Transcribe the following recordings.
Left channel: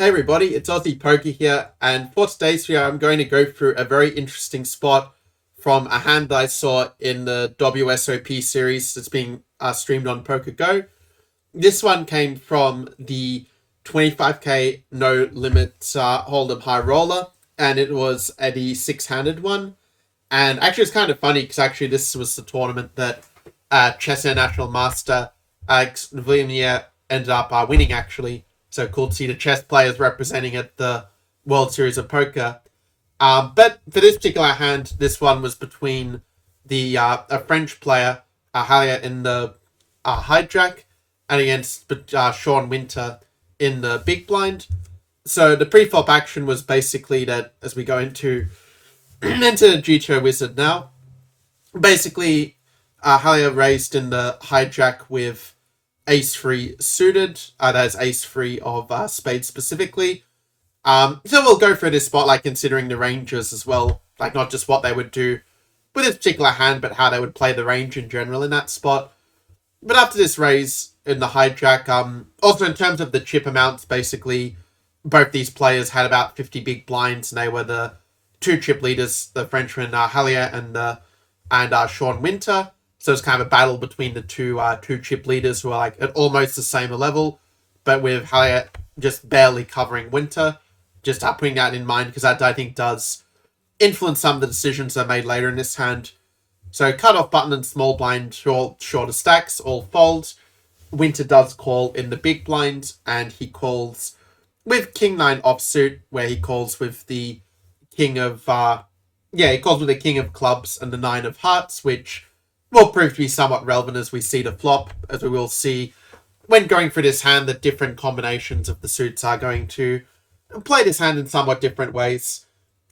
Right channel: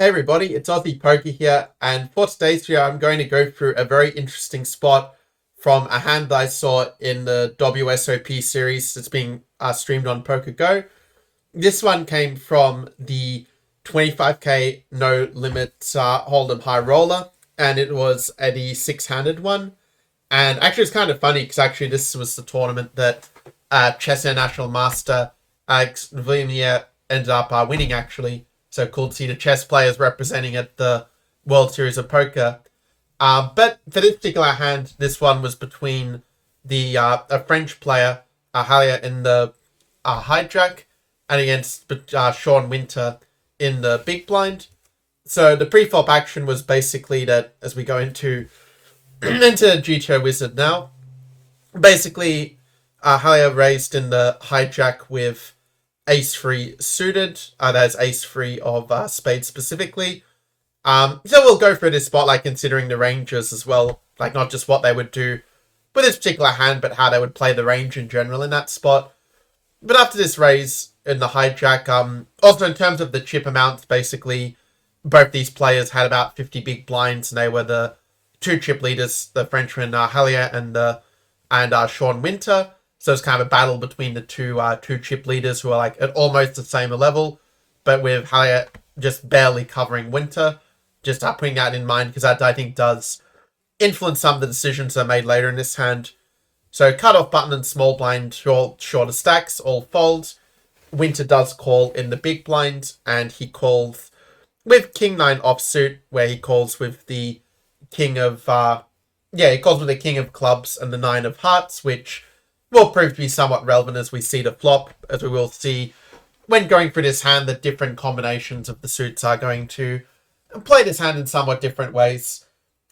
Hey everybody, it's Aussie Poker here, and for today's video I'm going to go through a very interesting spot from a hand that I saw in the WSOP series that's being streamed on Poker Go. This one came from the 25k no limit Hold'em High Roller, and it was a six-handed one. And actually it's kind of funny because actually this was the tournament that Chess International Master Vladimir ended up winning actually. So cool to see the chess players representing at the World Series of Poker. But for this particular hand, this one was between the a French player, Hallay in the hijack, and against Sean Winter in the big blind. So the pre-flop action was basically that as we go into GTOWizard now, basically Hallay raised in the hijack with ace-3 suited. That's ace-3 of spades specifically. So we'll go through this spot, like considering the ranges as well, like not just what they would do with this particular hand, but how they would play the range in general in that spot. But after this raise in the hijack, also in terms of the chip amounts, basically both these players had about 50 big blinds, and they were the two chip leaders, the Frenchman Hallay and Sean Winter. So it's kind of a battle between the two chip leaders who are like at almost the same level, but with Hallay just barely covering Winter. Just putting that in mind because that I think does influence some of the decisions that are made later in this hand. So cut-off button and small blind, shorter stacks, all fold. Winter does call in the big blind, and he calls with King-9 offsuit, where he calls with the King of... he calls with the King of Clubs and the 9 of Hearts, which will prove to be somewhat relevant as we see the flop, as we will see when going through this hand that different combinations of the suits are going to play this hand in somewhat different ways.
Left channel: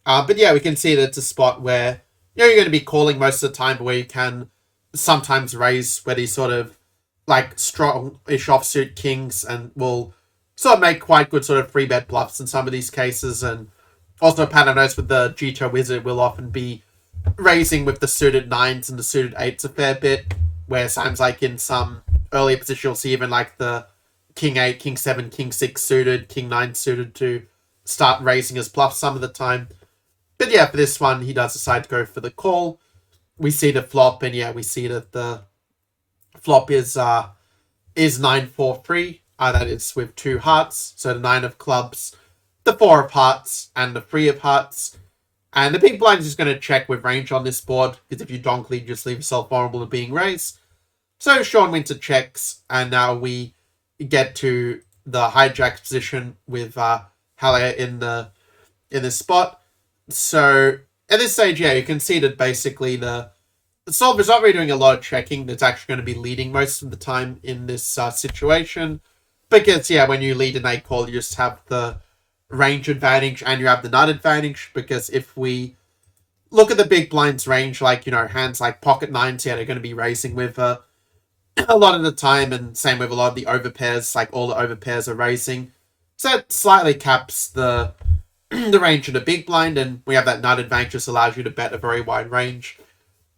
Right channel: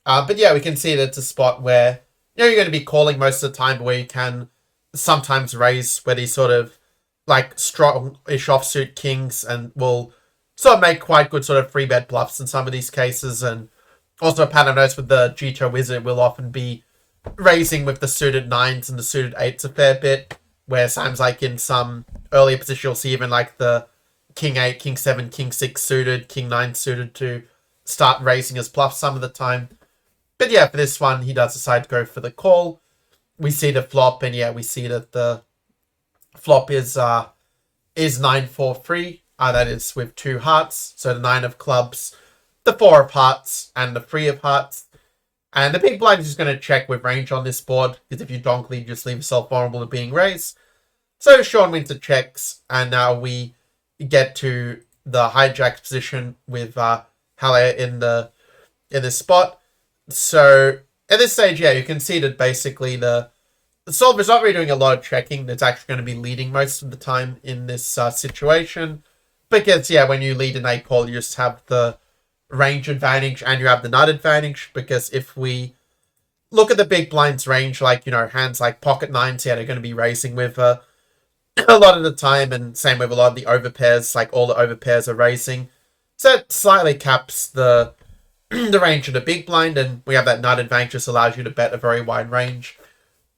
But yeah, we can see that it's a spot where you're going to be calling most of the time, but where you can sometimes raise where these sort of like strong-ish offsuit kings and will sort of make quite good sort of free bet bluffs in some of these cases. And also a pattern I've noticed with the GTOWizard will often be raising with the suited 9s and the suited 8s a fair bit, where sounds like in some earlier position you'll see even like the King 8, King 7, King 6 suited, King 9 suited to start raising as bluffs some of the time. But yeah, for this one, he does decide to go for the call. We see the flop, and yeah, we see that the flop is 9-4-3. That is with 2 hearts. So the 9 of clubs, the 4 of hearts, and the 3 of hearts. And the big blind is just going to check with range on this board, because if you donk lead, you just leave yourself vulnerable to being raised. So Sean Winter checks, and now we get to the hijack position with Hallay in this spot. So at this stage, yeah, you can see that basically the solver's not really doing a lot of checking. That's actually going to be leading most of the time in this situation. Because, yeah, when you lead an 8 call, you just have the range advantage and you have the nut advantage. Because if we look at the big blind's range, like, hands like pocket 9s, yeah, they're going to be raising with a lot of the time, and same with a lot of the overpairs, like all the overpairs are raising. So it slightly caps the range of the big blind, and we have that nut advantage, just allows you to bet a very wide range.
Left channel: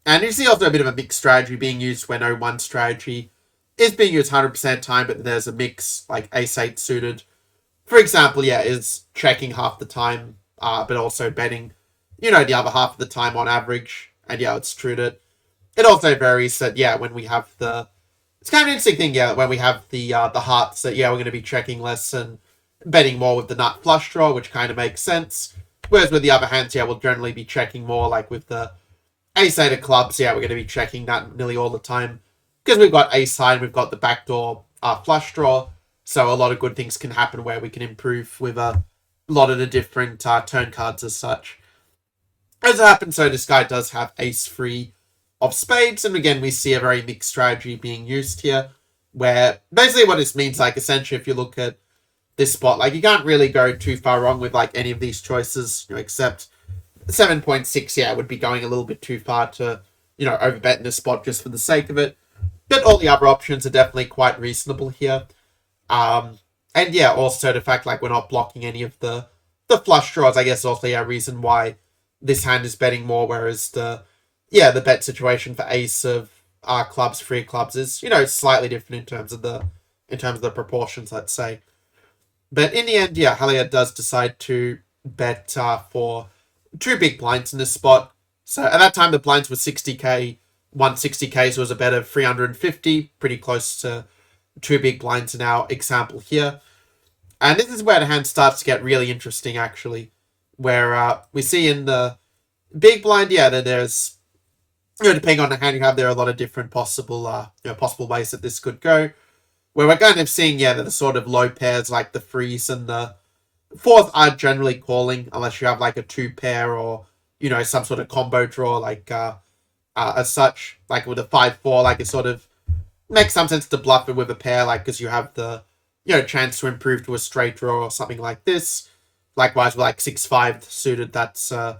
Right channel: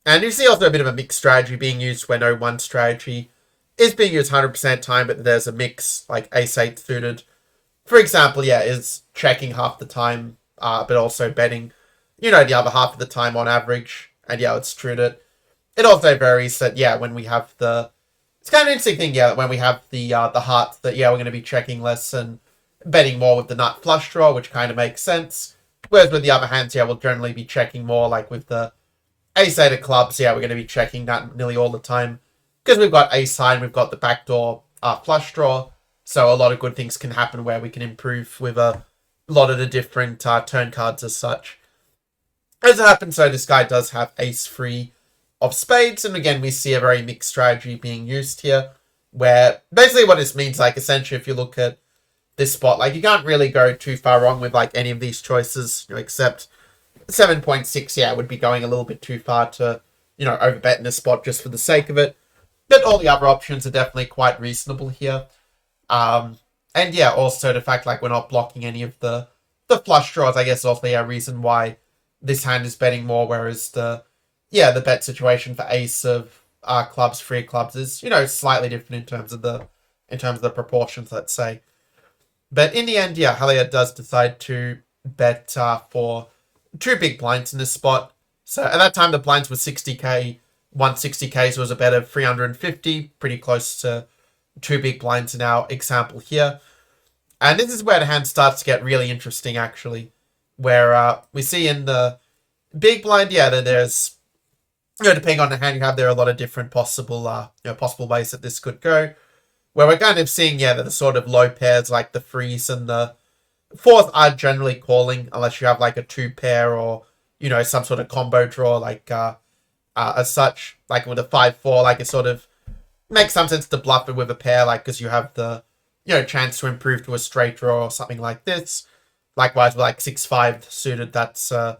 And you see also a bit of a mixed strategy being used where no one strategy is being used 100% time, but there's a mix, like ace-8 suited, for example, yeah, is checking half the time, but also betting, the other half of the time on average. And yeah, it's true that it also varies that, yeah, when we have it's kind of an interesting thing, yeah, when we have the hearts, that, yeah, we're going to be checking less and betting more with the nut flush draw, which kind of makes sense. Whereas with the other hands, yeah, we'll generally be checking more, like with the ace-8 of clubs, yeah, we're going to be checking that nearly all the time. Because we've got ace-high and we've got the backdoor flush draw, so a lot of good things can happen where we can improve with a lot of the different turn cards as such. As it happens, so this guy does have ace-3 of spades, and again, we see a very mixed strategy being used here, where basically what this means, like, essentially, if you look at this spot, like, you can't really go too far wrong with, like, any of these choices, except 7.6, yeah, would be going a little bit too far to, overbet in this spot just for the sake of it. But all the other options are definitely quite reasonable here. And yeah, also the fact, like, we're not blocking any of the flush draws, I guess, also a reason why this hand is betting more, whereas the bet situation for ace of clubs, 3 clubs is, slightly different in terms of the proportions, let's say. But in the end, yeah, Hallay does decide to bet for two big blinds in this spot. So at that time, the blinds were 60k, 160k, so it was a bet of 350, pretty close to two big blinds in our example here. And this is where the hand starts to get really interesting, actually, where we see in the big blind, yeah, that there's, depending on the hand you have, there are a lot of different possible ways that this could go. Where we're kind of seeing, yeah, that the sort of low pairs like the threes and the fourth are generally calling, unless you have like a two pair or, some sort of combo draw, like as such, like with a 5-4, like it sort of makes some sense to bluff it with a pair, like because you have the, chance to improve to a straight draw or something like this. Likewise, with like 6-5 suited, that's an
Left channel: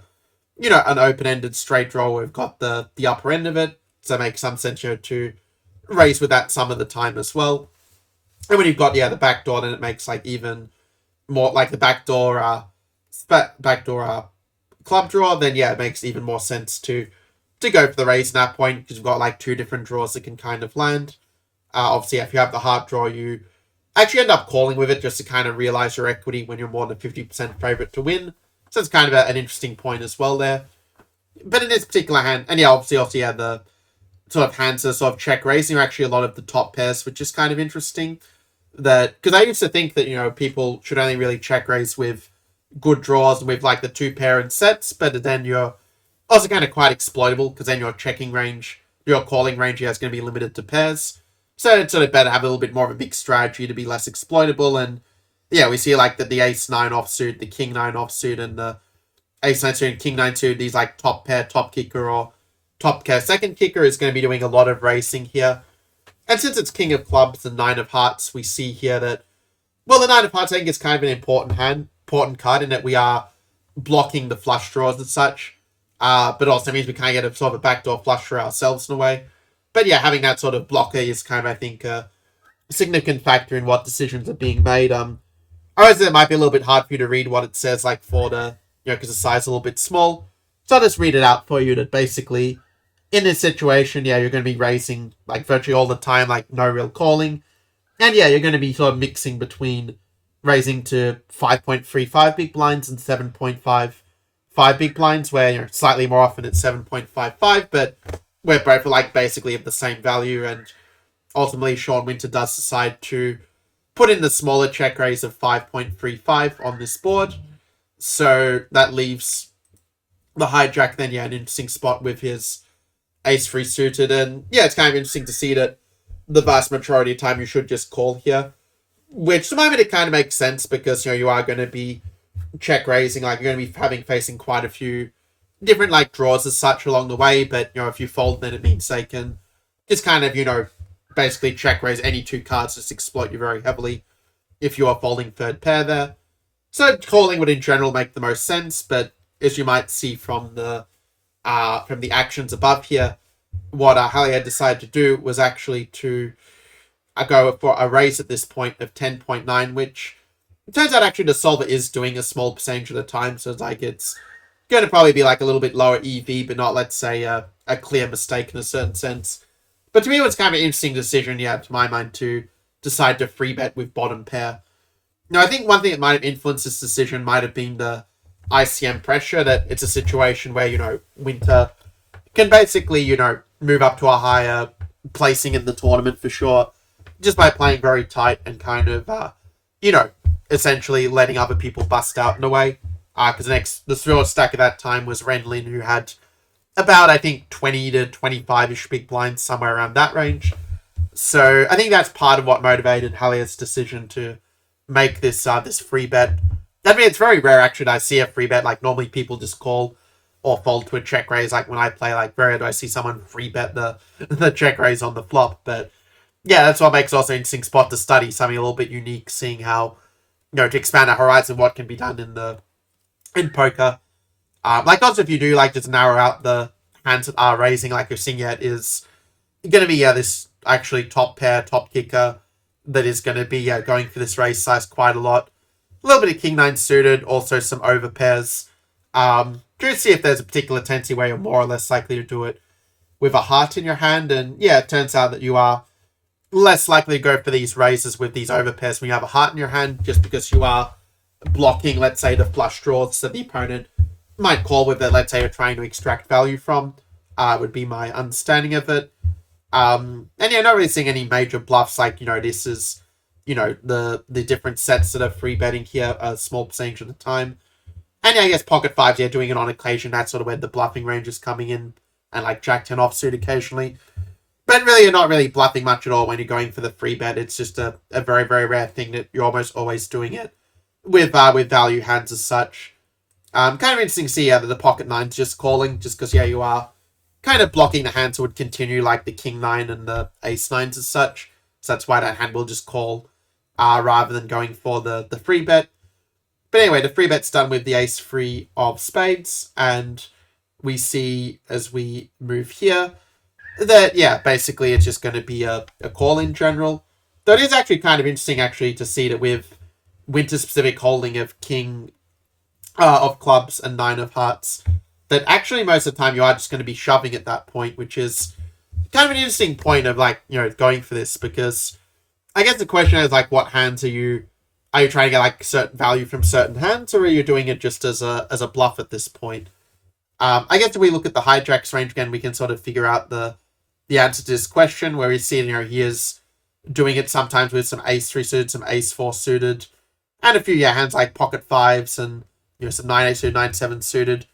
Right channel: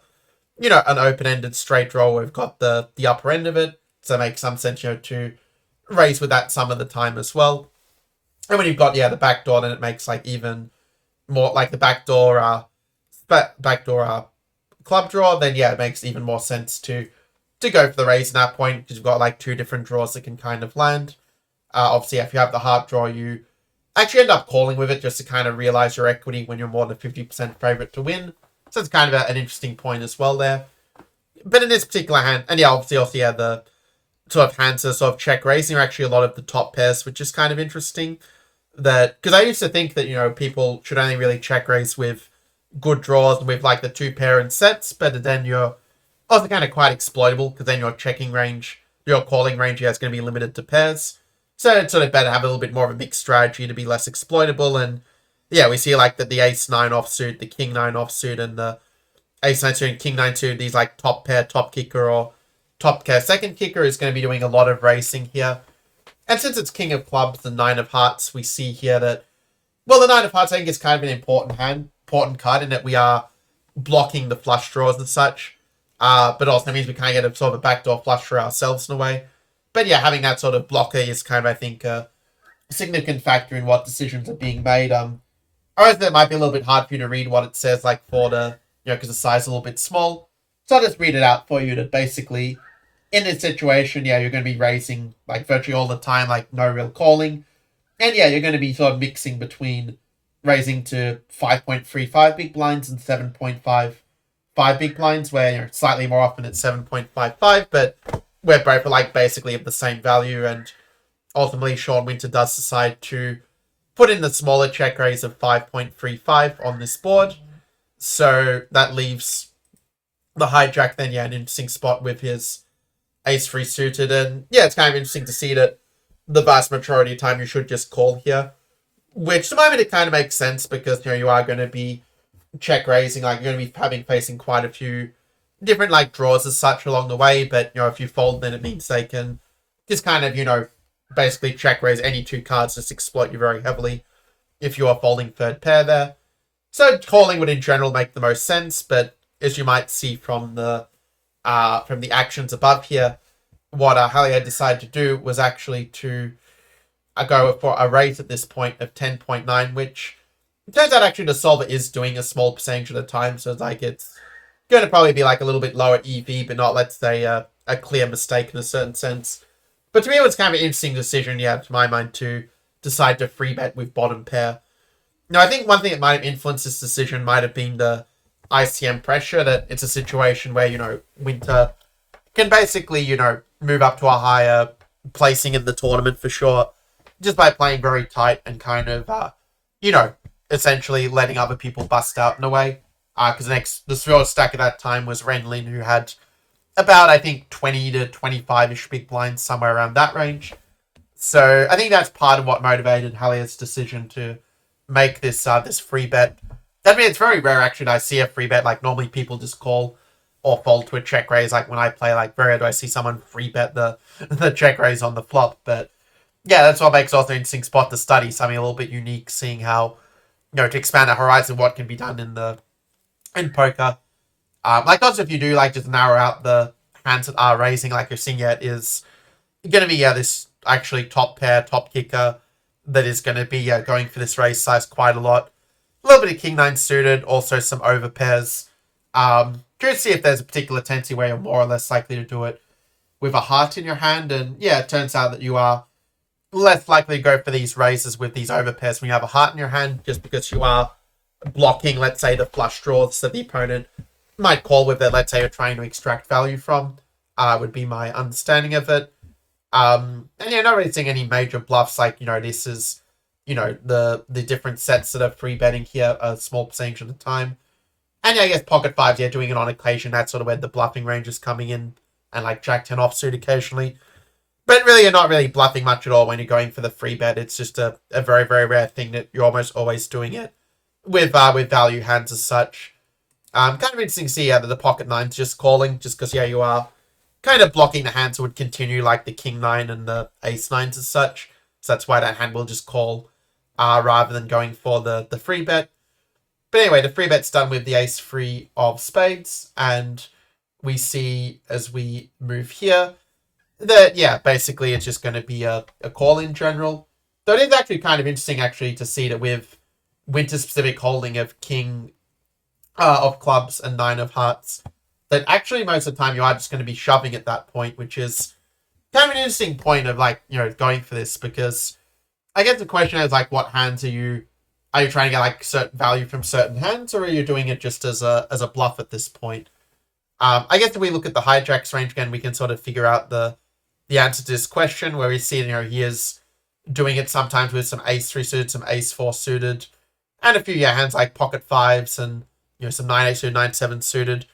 open-ended straight draw. We've got the upper end of it, so it makes some sense, to raise with that some of the time as well. And when you've got the backdoor, then it makes like even more like the backdoor club draw. Then yeah, it makes even more sense to go for the raise in that point because you've got like two different draws that can kind of land. Obviously, if you have the heart draw, you actually end up calling with it just to kind of realize your equity when you're more than 50% favorite to win. So it's kind of an interesting point as well there. But in this particular hand, and yeah, obviously, the sort of hands that sort of check raising are actually a lot of the top pairs, which is kind of interesting. That because I used to think that people should only really check raise with good draws and with like the two pair and sets, but then you're also kind of quite exploitable because then your checking range, your calling range, is going to be limited to pairs. So it's sort of better to have a little bit more of a mixed strategy to be less exploitable. And yeah, we see like that the ace 9 offsuit, the king 9 offsuit, and the ace 9 suit and king 9 suit, these like top pair, top kicker, or top pair second kicker is going to be doing a lot of racing here. And since it's king of clubs and 9 of hearts, we see here that, well, the 9 of hearts I think is kind of an important card in that we are blocking the flush draws and such. But also means we kind of get a sort of a backdoor flush for ourselves in a way. But yeah, having that sort of blocker is kind of, I think, a significant factor in what decisions are being made. I realize it might be a little bit hard for you to read what it says, like for the, because the size is a little bit small. So I'll just read it out for you that basically, in this situation, yeah, you're going to be raising like virtually all the time, like no real calling. And yeah, you're going to be sort of mixing between raising to 5.35 big blinds and 7.55 big blinds, where slightly more often it's 7.55, but we're both like basically of the same value. And ultimately, Sean Winter does decide to put in the smaller check raise of 5.35 on this board. So that leaves the hijack then, an interesting spot with his ace-3 suited. And yeah, it's kind of interesting to see that the vast majority of time you should just call here. Which, to the moment, it kind of makes sense because, you are going to be check raising. Like, you're going to be facing quite a few different, like, draws as such along the way. But, if you fold, then it means they can just kind of, basically check raise any two cards, just exploit you very heavily if you are folding third pair there. So calling would in general make the most sense, but as you might see from the actions above here, what Hallay had decided to do was actually to go for a raise at this point of 10.9, which it turns out actually the solver is doing a small percentage at a time, so it's like it's going to probably be like a little bit lower EV, but not, let's say, a clear mistake in a certain sense. But to me, it was kind of an interesting decision, to my mind, to decide to free bet with bottom pair. Now, I think one thing that might have influenced this decision might have been the ICM pressure, that it's a situation where, Winter can basically, move up to a higher placing in the tournament for sure, just by playing very tight and kind of, essentially letting other people bust out in a way. Because the thrill stack at that time was Renlin, who had about, I think, 20 to 25-ish big blinds, somewhere around that range. So I think that's part of what motivated Hallay's decision to make this this free bet. I mean, it's very rare, actually, that I see a free bet. Like, normally people just call or fold to a check raise. Like, when I play, like, very rare do I see someone free bet the check raise on the flop. But yeah, that's what makes also an interesting spot to study. Something a little bit unique, seeing how, to expand our horizon, what can be done in poker. Like, also, if you do, like, just narrow out the hands that are raising, like you're seeing yet, is going to be, this actually top pair, top kicker that is going to be going for this raise size quite a lot. A little bit of king 9 suited, also some over pairs. Curious to see if there's a particular tendency where you're more or less likely to do it with a heart in your hand. And yeah, it turns out that you are less likely to go for these raises with these overpairs when you have a heart in your hand, just because you are blocking, let's say, the flush draws that the opponent might call with it, let's say you're trying to extract value from, would be my understanding of it. And yeah, not really seeing any major bluffs, like, this is, the different sets that are free betting here, a small percentage of the time. And yeah, I guess pocket fives, yeah, doing it on occasion, that's sort of where the bluffing range is coming in, and like Jack 10 offsuit occasionally. But really, you're not really bluffing much at all when you're going for the free bet. It's just a very, very rare thing that you're almost always doing it with value hands as such. Kind of interesting to see that the pocket nine's just calling, just because, yeah, you are kind of blocking the hands that would continue, like the king nine and the ace nines as such. So that's why that hand will just call rather than going for the free bet. But anyway, the free bet's done with the ace free of spades, and we see as we move here that, yeah, basically it's just going to be a call in general. Though it is actually kind of interesting, actually, to see that with winter-specific holding of king of clubs and nine of hearts, that actually most of the time you are just going to be shoving at that point, which is kind of an interesting point of, like, going for this, because I guess the question is, like, what hands are you trying to get, like, certain value from certain hands, or are you doing it just as a bluff at this point? I guess if we look at the hijacks range again, we can sort of figure out the answer to this question, where we see, he is doing it sometimes with some ace 3 suited, some ace 4 suited, and a few hands like pocket fives and some 9 8 suited, 9 7 suited.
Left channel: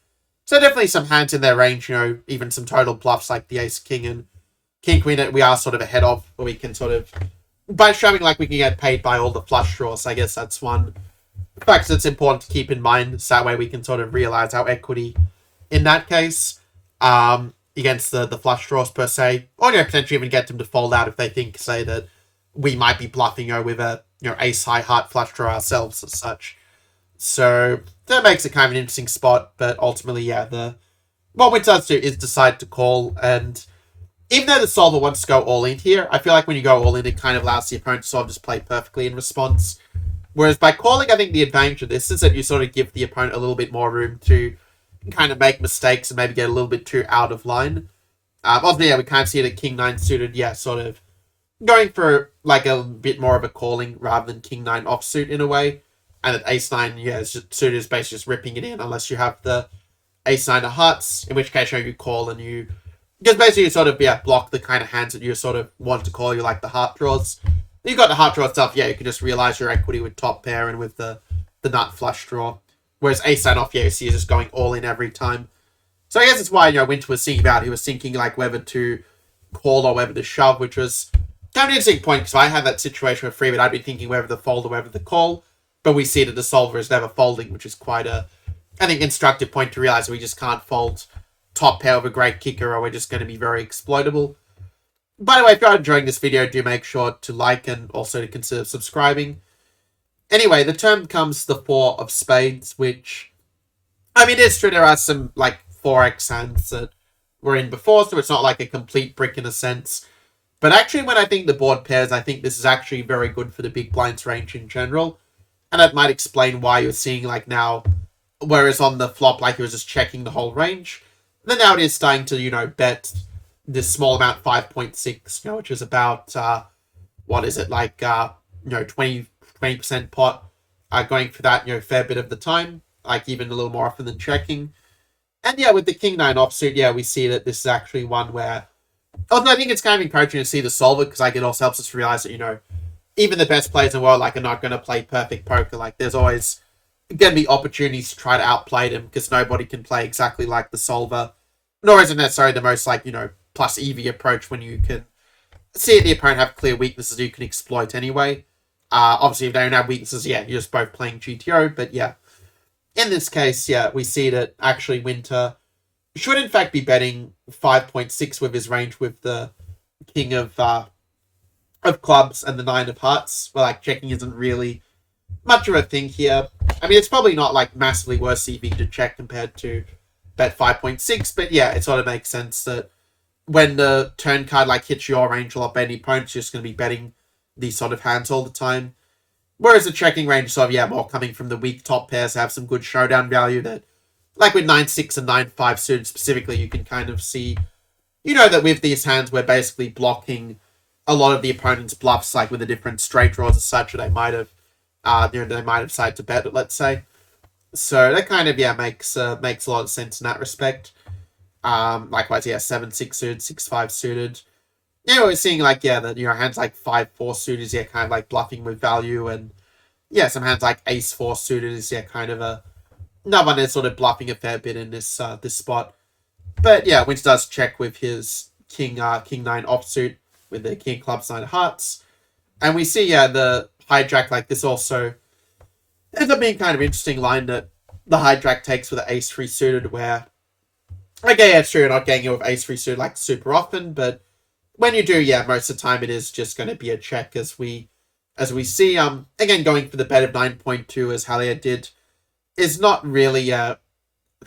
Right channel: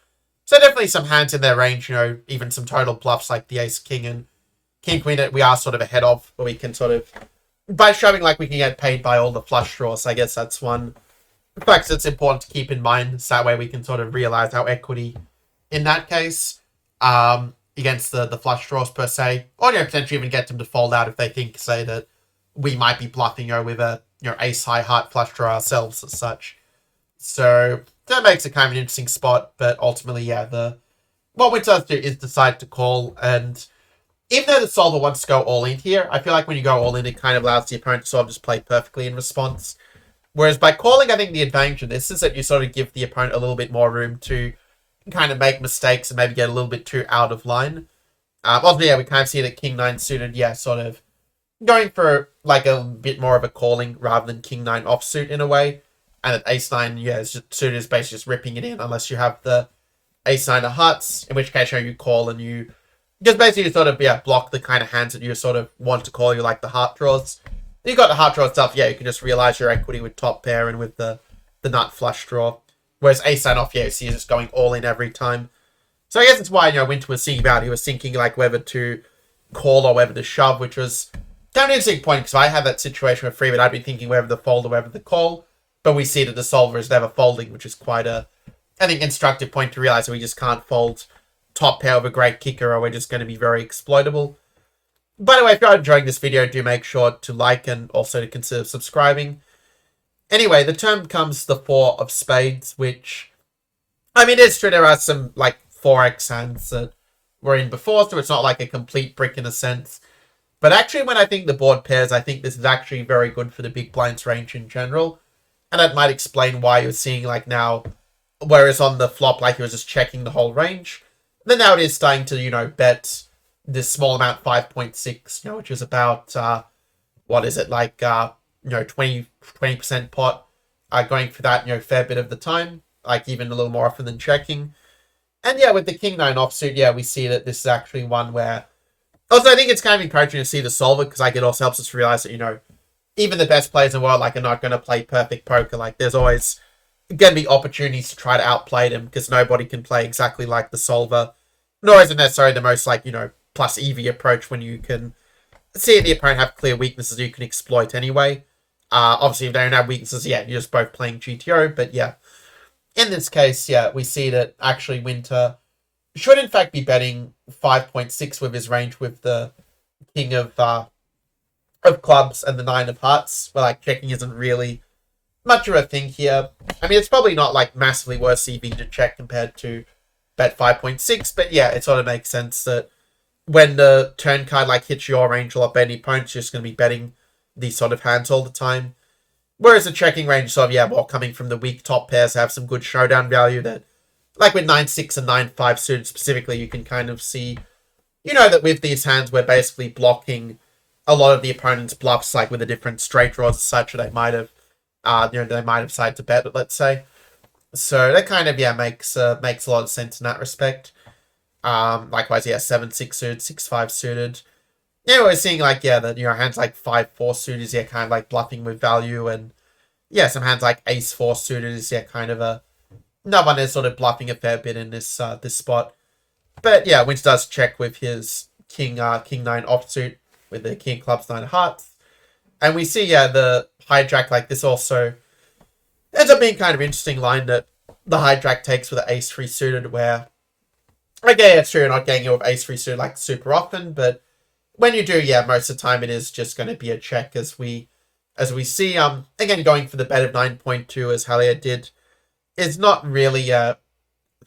So definitely some hands in their range, even some total bluffs like the ace king and king queen that we are sort of ahead of, where we can sort of, by shoving, like, we can get paid by all the flush draws. I guess that's one fact that's important to keep in mind, so that way we can sort of realize our equity in that case. Against the flush draws per se, or potentially even get them to fold out if they think, say, that we might be bluffing with a ace high heart flush draw ourselves as such. So that makes it kind of an interesting spot. But ultimately, yeah, what Win does do is decide to call, and even though the solver wants to go all in here, I feel like when you go all in, it kind of allows the opponent to sort of just play perfectly in response. Whereas by calling, I think the advantage of this is that you sort of give the opponent a little bit more room to kind of make mistakes and maybe get a little bit too out of line. Obviously, yeah, we kind of see that king 9 suited, yeah, sort of going for, like, a bit more of a calling rather than king 9 offsuit in a way. And that ace 9, yeah, suited is basically just ripping it in unless you have the ace 9 of hearts, in which case you call and you just basically sort of, yeah, block the kind of hands that you sort of want to call, you like the heart draws. You got the heart draw stuff, yeah, you can just realize your equity with top pair and with the nut flush draw. Whereas ace 9 off, yeah, so you're just going all in every time. So I guess it's why, Winter was thinking about it. He was thinking, like, whether to call or whether to shove, which was kind of an interesting point, because I had that situation with free, but I'd be thinking whether the fold or whether the call. But we see that the solver is never folding, which is quite I think, instructive point to realize that we just can't fold top pair of a great kicker, or we're just going to be very exploitable. By the way, if you're enjoying this video, do make sure to like and also to consider subscribing. Anyway, the turn becomes the 4 of spades, which, I mean, it's true, there are some, like, 4x hands that were in before, so it's not like a complete brick in a sense. But actually, when I think the board pairs, I think this is actually very good for the big blinds range in general. And that might explain why you're seeing, like, now, whereas on the flop, like, it was just checking the whole range, then now it is starting to, bet this small amount, 5.6, which is about, what is it, like, 20% pot, going for that, fair bit of the time, like, even a little more often than checking. And yeah, with the king 9 offsuit, yeah, we see that this is actually one where, also, I think it's kind of encouraging to see the solver, because, like, it also helps us realize that, even the best players in the world, like, are not going to play perfect poker. Like, there's always going to be opportunities to try to outplay them, because nobody can play exactly like the solver, nor is it necessarily the most, like, plus EV approach when you can see the opponent have clear weaknesses you can exploit anyway. Obviously, if they don't have weaknesses, yeah, you're just both playing GTO, but yeah. In this case, yeah, we see that actually Winter should in fact be betting 5.6 with his range with the king of clubs and the 9 of hearts, where, like, checking isn't really much of a thing here. I mean, it's probably not, like, massively worse EV to check compared to bet 5.6, but yeah, it sort of makes sense that when the turn card, like, hits your range a lot better, the opponent's just going to be betting these sort of hands all the time. Whereas the checking range sort of, yeah, more coming from the weak top pairs have some good showdown value that, like with 9-6 and 9-5 suited specifically, you can kind of see, that with these hands, we're basically blocking a lot of the opponent's bluffs, like with the different straight draws as such, they might have, they might have decided to bet it, let's say. So that kind of makes a lot of sense in that respect. Likewise, 7-6 suited, 6-5 suited. Yeah, we're seeing that hands like 5-4 suited is kind of like bluffing with value, and some hands like Ace-4 suited is kind of another one that's sort of bluffing a fair bit in this this spot. But Winch does check with his King 9 offsuit with the King Clubs 9 of Hearts, and we see the hijack like this also ends up being kind of interesting line that the hijack takes with the Ace-3 suited, where it's true you're not getting it with Ace-3 suited like super often, but when you do, most of the time it is just going to be a check, as we see. Again, going for the bet of 9.2 as Hallay did is not really sort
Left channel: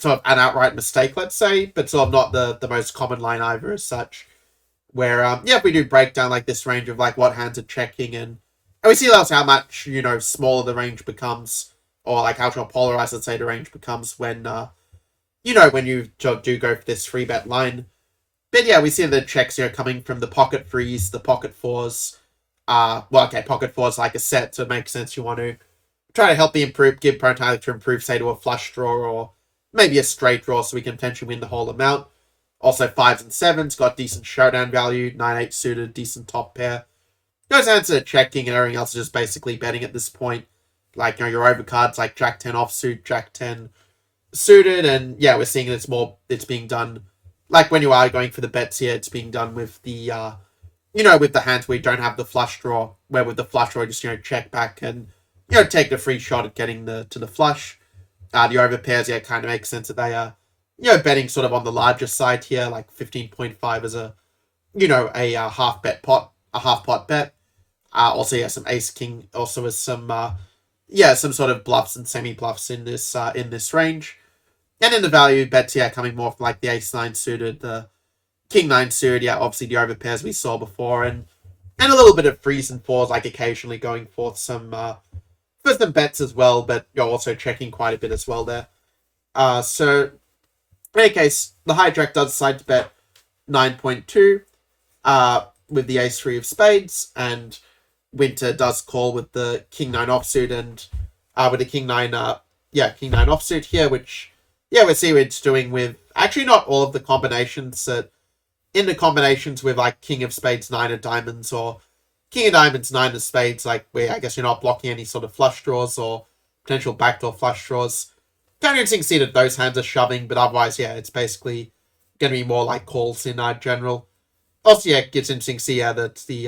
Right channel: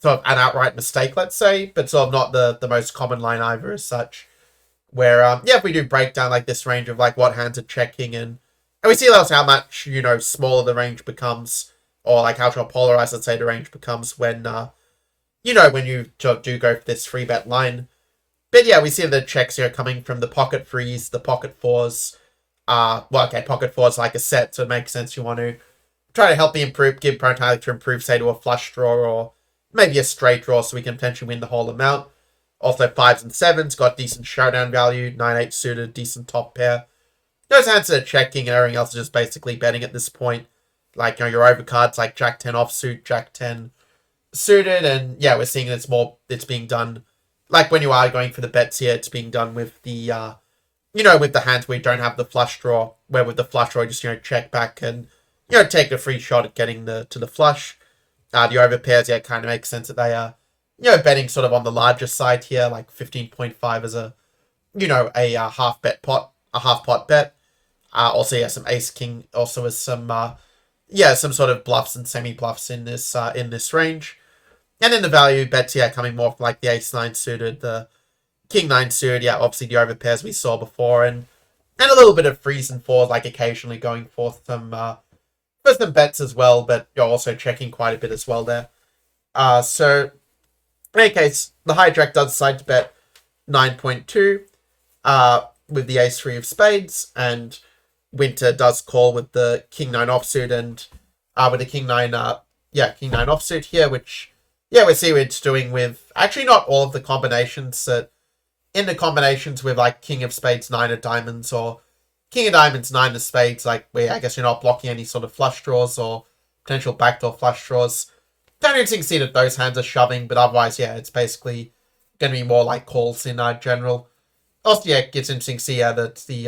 of an outright mistake, let's say, but sort of not the most common line either as such. Where if we do break down like this range of like what hands are checking, and we see also how much smaller the range becomes, or like how polarized, let's say, the range becomes when when you do go for this free bet line. But we see the checks here coming from the pocket threes, the pocket fours. Pocket fours like a set, so it makes sense you want to try to help give opponent time to improve, say, to a flush draw or maybe a straight draw, so we can potentially win the whole amount. Also, 5s and 7s got decent showdown value. 9-8 suited, decent top pair. Those hands are checking, and everything else is just basically betting at this point. Like your overcards like Jack 10 offsuit, Jack 10 suited, and we're seeing it's being done. Like when you are going for the bets here, it's being done with the with the hands where you don't have the flush draw, where with the flush draw you just check back and take the free shot at getting to the flush. The over pairs, kind of makes sense that they are betting sort of on the larger side here, like 15.5 as a half pot bet. Also some ace king also as some some sort of bluffs and semi bluffs in this range. And in the value bets, coming more from like the ace 9 suited, the King 9 suited, obviously the over pairs we saw before, and a little bit of 3s and 4s, like occasionally going for some bets as well, but you're also checking quite a bit as well there. So in any case, the hijack does decide to bet 9.2 with the ace 3 of spades, and Winter does call with the King 9 offsuit, and with the King 9 King 9 offsuit here, which we see what it's doing with actually not all of the combinations that in the combinations with like King of Spades 9 of Diamonds or King of Diamonds 9 of Spades, like where I guess you're not blocking any sort of flush draws or potential backdoor flush draws. Don't interesting to see that those hands are shoving, but otherwise, it's basically going to be more like calls in general. Also, it gets interesting to see that the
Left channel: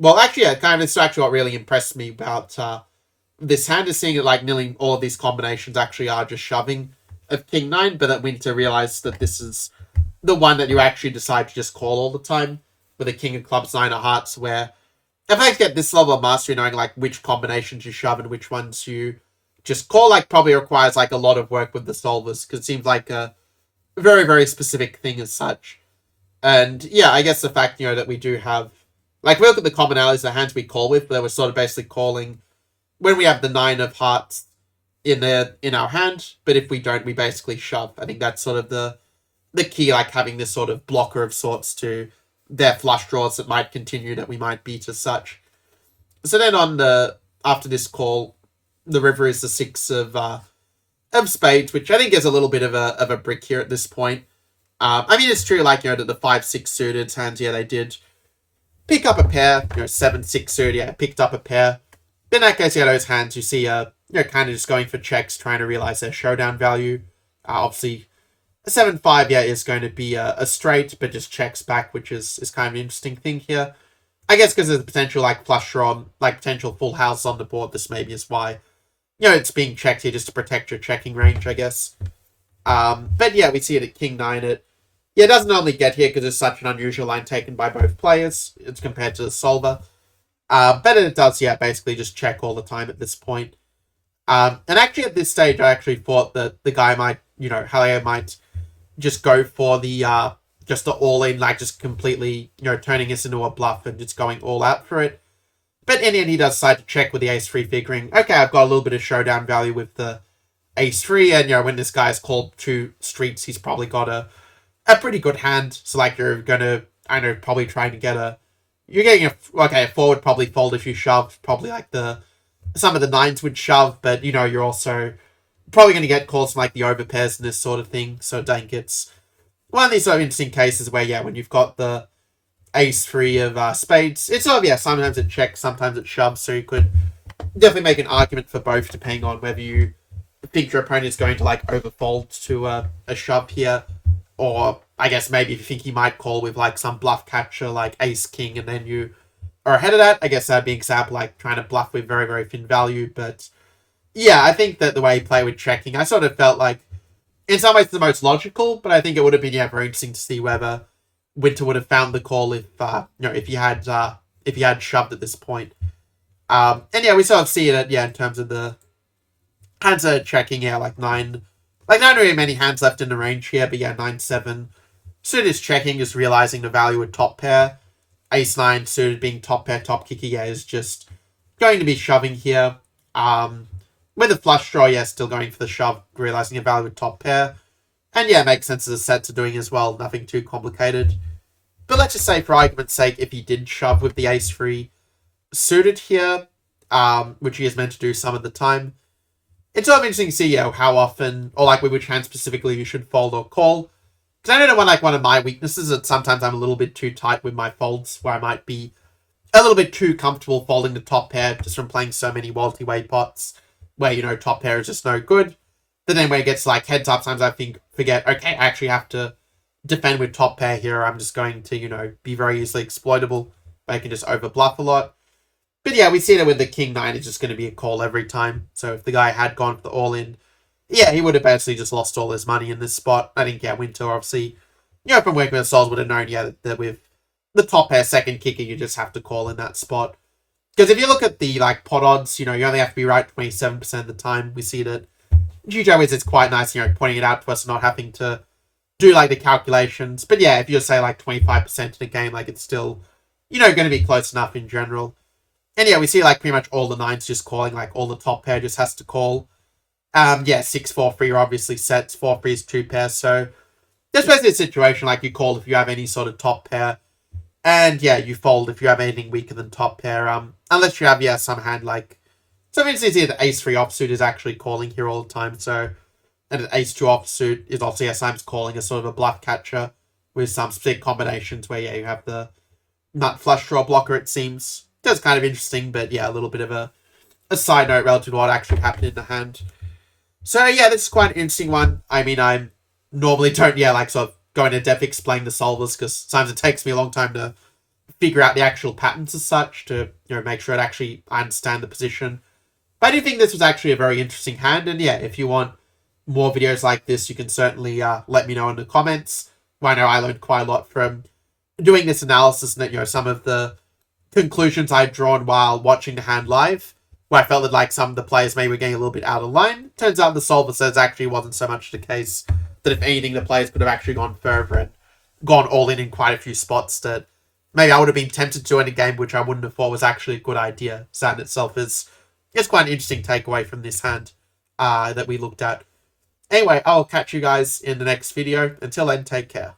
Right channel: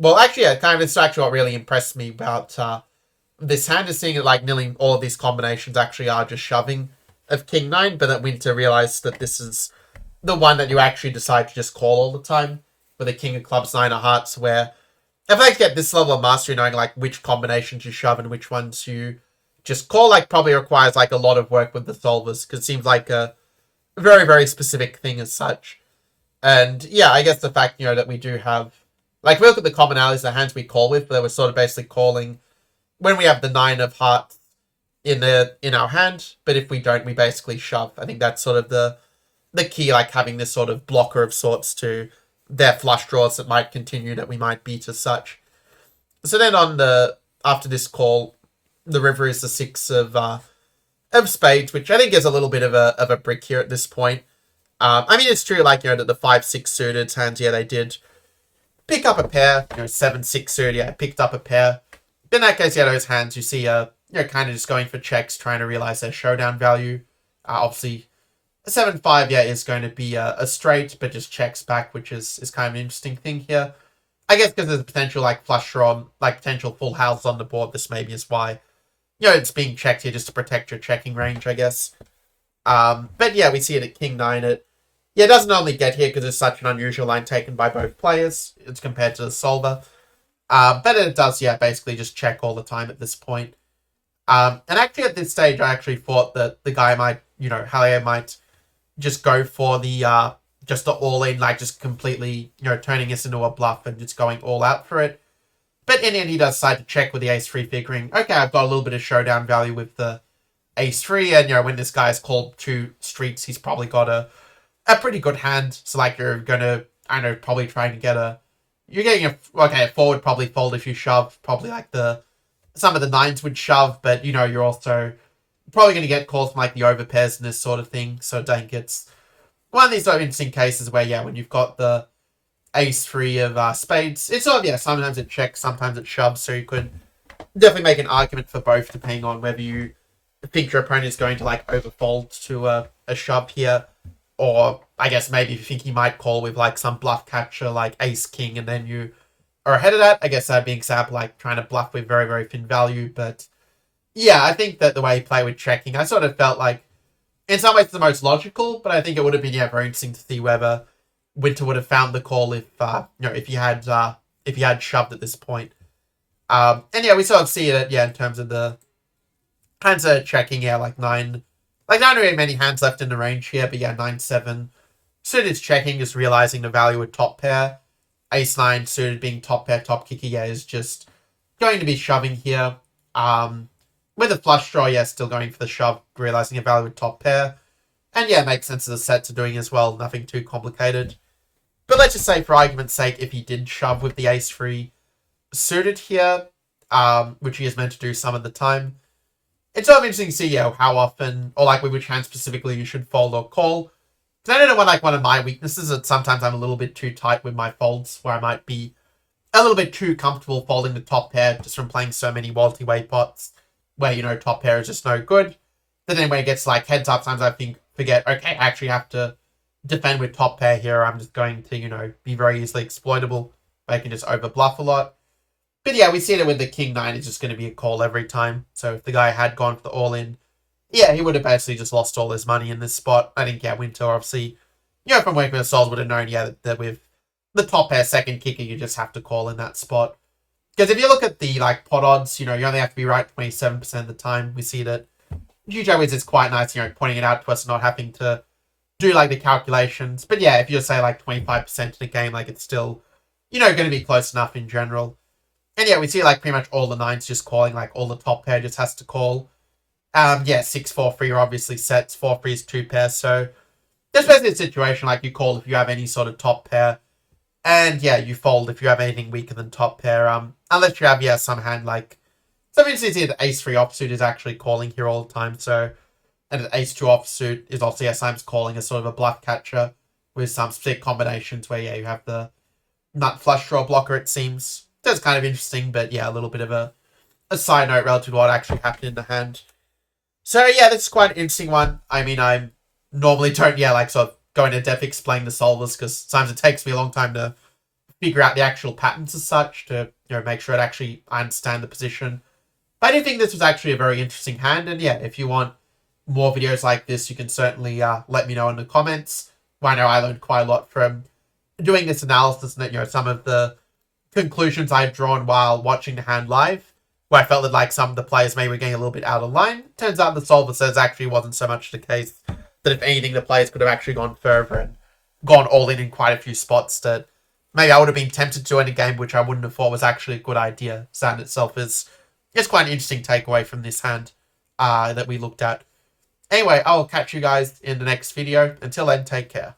kind of it's actually what really impressed me about this hand is seeing that like nearly all of these combinations actually are just shoving of King 9, but that Winter realized that this is the one that you actually decide to just call all the time with a King of Clubs 9 of Hearts, where if I get this level of mastery, knowing like which combinations you shove and which ones you just call, like probably requires like a lot of work with the solvers, because it seems like a very, very specific thing as such. And I guess the fact, that we do have, like, we look at the commonalities, the hands we call with, that we're sort of basically calling when we have the 9 of Hearts in our hand, but if we don't, we basically shove. I think that's sort of the key, like having this sort of blocker of sorts to their flush draws that might continue, that we might beat as such. So then after this call, the river is the 6 of spades, which I think is a little bit of a brick here at this point. I mean, it's true, like, that the 5-6 suited hands, they did pick up a pair, 7-6 suited, picked up a pair. In that case, those hands you see kind of just going for checks, trying to realize their showdown value. Obviously, a 7-5, is going to be a straight, but just checks back, which is kind of an interesting thing here. I guess because there's potential, like, flush draw, like, potential full house on the board, this maybe is why, it's being checked here just to protect your checking range, I guess. But we see it at King 9. It doesn't only get here because it's such an unusual line taken by both players. It's compared to the solver. But it does, basically just check all the time at this point. And actually at this stage, I actually thought that the guy might, Hallay might just go for the, just the all-in, like just completely, turning this into a bluff and just going all out for it. But in the end, he does decide to check with the ace-3, figuring, okay, I've got a little bit of showdown value with the ace-3, and, when this guy's called 2 streets, he's probably got a pretty good hand. So, like, you're going to, probably trying to get a, you're getting a 4 would probably fold if you shove. Probably like some of the 9s would shove, but you're also probably going to get calls from like the overpairs and this sort of thing. So I think it's one of these sort of interesting cases where, when you've got the ace-3 of spades, it's sort of, sometimes it checks, sometimes it shoves. So you could definitely make an argument for both, depending on whether you think your opponent is going to like overfold to a shove here, or I guess maybe if you think he might call with like some bluff catcher like ace-king, and then you are ahead of that. I guess that'd be an example like trying to bluff with very, very thin value. But yeah, I think that the way he played with checking, I sort of felt like in some ways the most logical, but I think it would have been very interesting to see whether Winter would have found the call if he had shoved at this point. And we sort of see it in terms of the hands are checking, like 9. Like, not really many hands left in the range here, but 9-7. Suited is checking, just realizing the value with top pair. Ace-9 suited being top pair, top kicker, is just going to be shoving here. With a flush draw, still going for the shove, realizing a value with top pair. And it makes sense as a set to doing as well, nothing too complicated. But let's just say, for argument's sake, if he did shove with the ace-3 suited here, which he is meant to do some of the time, it's sort of interesting to see, how often, or like with which hand specifically you should fold or call. Because I don't know, one of my weaknesses is that sometimes I'm a little bit too tight with my folds, where I might be a little bit too comfortable folding the top pair just from playing so many multi-way pots, where, top pair is just no good. But then when it gets like heads up, sometimes I forget, okay, I actually have to defend with top pair here. I'm just going to, be very easily exploitable, where I can just over bluff a lot. But we see that with the king-9, it's just going to be a call every time. So if the guy had gone for the all-in, he would have basically just lost all his money in this spot. I think, Winter, obviously, from working with Souls would have known, that with the top pair second kicker, you just have to call in that spot. Because if you look at the, like, pot odds, you only have to be right 27% of the time. We see that GTOWizard's quite nice, pointing it out to us, not having to do, like, the calculations. But if you say, like, 25% in a game, like, it's still, going to be close enough in general. And we see like pretty much all the 9s just calling, like all the top pair just has to call. 6-4-3 are obviously sets, 4-3 is 2 pairs, so there's basically a situation like you call if you have any sort of top pair, and you fold if you have anything weaker than top pair, unless you have some hand like, so obviously see the ace-3 offsuit is actually calling here all the time, so, and the ace-2 offsuit is also sometimes calling as sort of a bluff catcher with some specific combinations where you have the nut flush draw blocker, it seems. That's kind of interesting, but a little bit of a side note relative to what actually happened in the hand. So this is quite an interesting one. I mean, I normally don't, like sort of go into depth explain the solvers, because sometimes it takes me a long time to figure out the actual patterns as such to, make sure I understand the position. But I do think this was actually a very interesting hand, and if you want more videos like this, you can certainly let me know in the comments. I know I learned quite a lot from doing this analysis, and that, some of the conclusions I've drawn while watching the hand live, where I felt that like some of the players maybe were getting a little bit out of line. Turns out the solver says actually wasn't so much the case, that if anything, the players could have actually gone further and gone all in quite a few spots that maybe I would have been tempted to in a game, which I wouldn't have thought was actually a good idea. So in itself is quite an interesting takeaway from this hand that we looked at. Anyway, I'll catch you guys in the next video. Until then, take care.